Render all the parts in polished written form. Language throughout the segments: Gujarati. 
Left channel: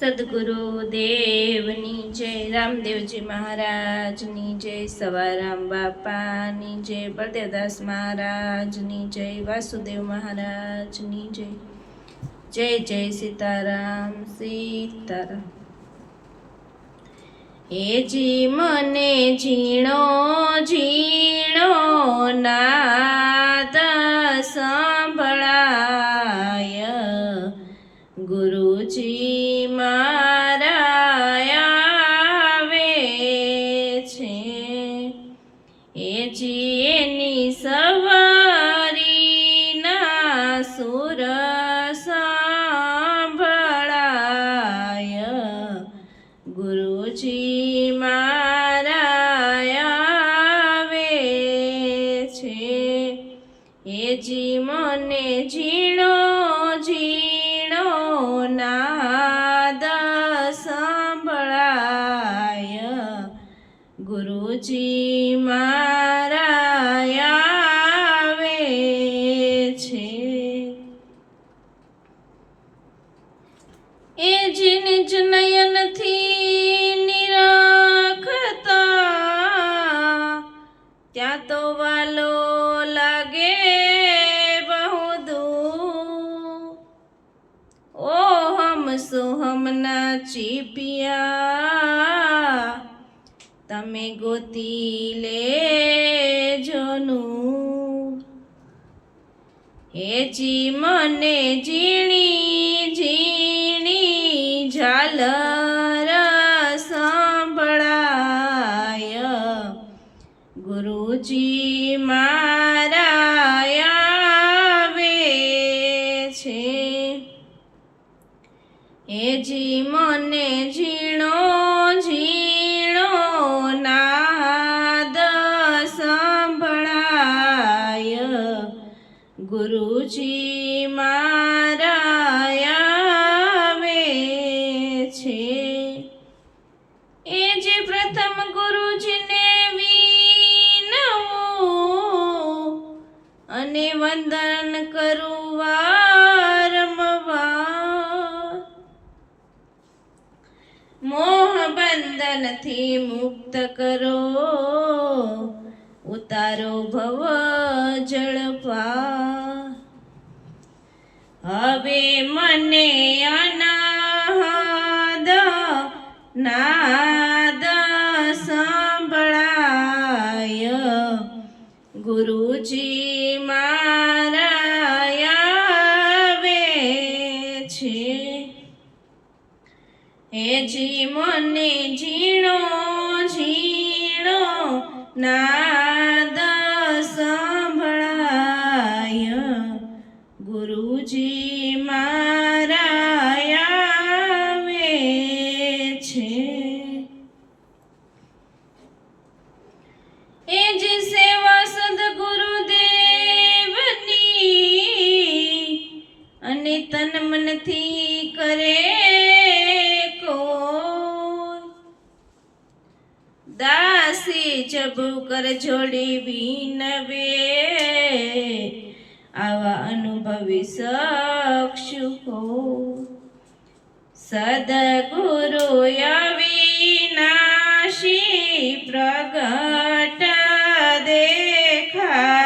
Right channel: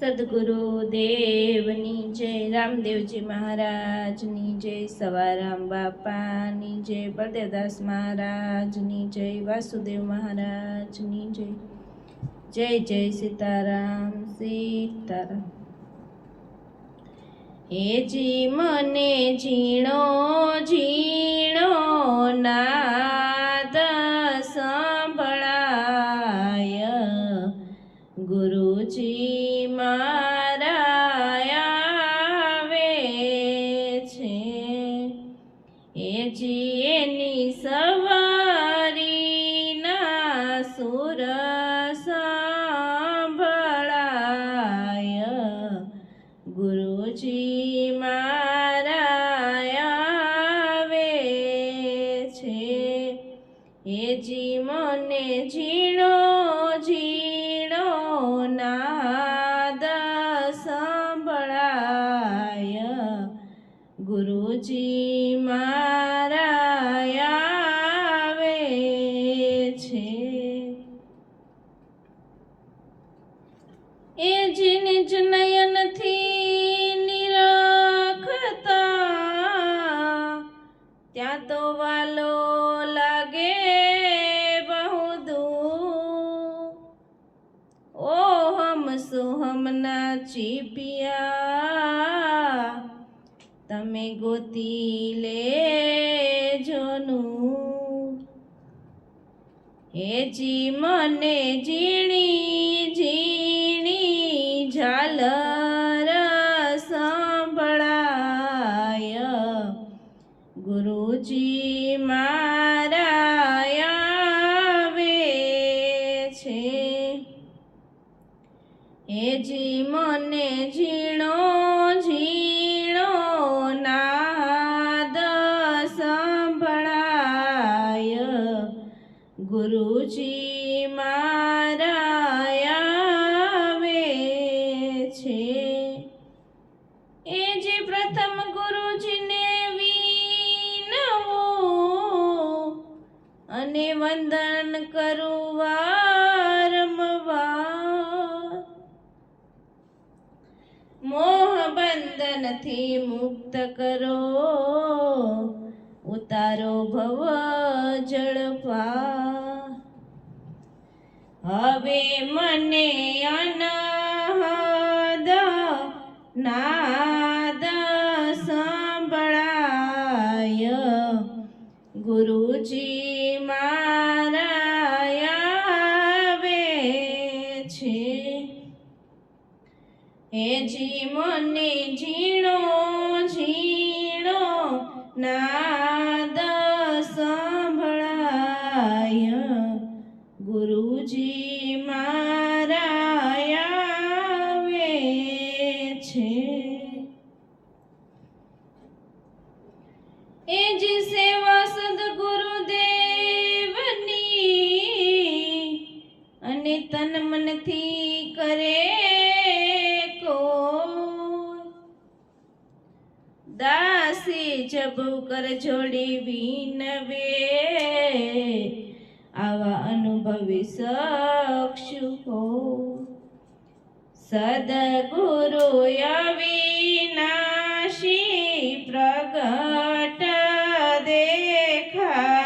સદગુરુદેવની જય, રામદેવજી મહારાજની જય, સવારામ બાપાની જય, બળદેવદાસ મહારાજની જય, વાસુદેવ મહારાજની જય. જય જય સીતારામ સીતારામ. હેજી મને ઝીણો ઝીણો નાદ સંભળાય, ગુરુજી મારા આવે છે. હેજી એની સવારીના સુર સંભળાય, ગુરુજી મારા આવે છે. હેજી મને ઝીણો ઝીણો નાદ સંભળાય, ગુરુજી મારા આવે છે. એ જ નિજ નયનથી નિરખતા, ત્યાં તો વાલો લાગે બહુ દૂર. ઓ હમ સોહમના ચીપિયા, તમે ગોતી લેજો નૂર. હેજી મને ઝીણી ઝીણી ઝાલર સંભળાય, ગુરુજી મારા આવે છે. હેજી મને ઝીણો ઝીણો નાદ સંભળાય, ગુરુજી મારા આવે છે. એ જે પ્રથમ ગુરુજીને વિનવું અને વંદન કરું વારંવાર, મોહ બંધનથી મુક્ત કરો, ઉતારો ભવ જળપાર. હવે મને અનહદ નાદ સંભળાય, ગુરુજી મારા આવે છે. હેજી મને ઝીણો ઝીણો નાદ સંભળાય, ગુરુજી મારા આવે છે. એ જે સેવા સદગુરુદેવની અને તન મનથી કરે કોઈ, દાસી જબુ કર જોડી વિનવે, આવા અનુભવી શકશું હો. સદગુરુ અવિનાશી પ્રગટ દેખાય,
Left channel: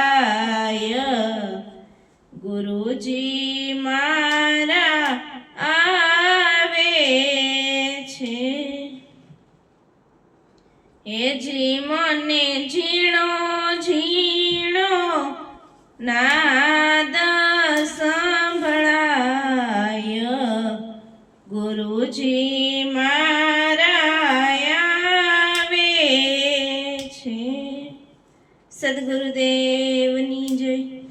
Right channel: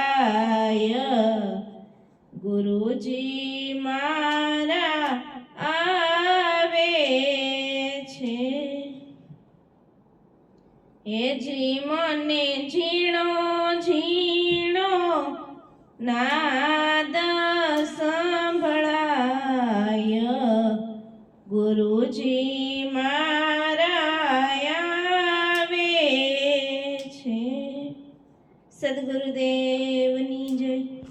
ગુરુજી મારા આવે છે. હેજી મને ઝીણો ઝીણો નાદ સંભળાય, ગુરુજી મારા આવે છે. સદગુરુદેવની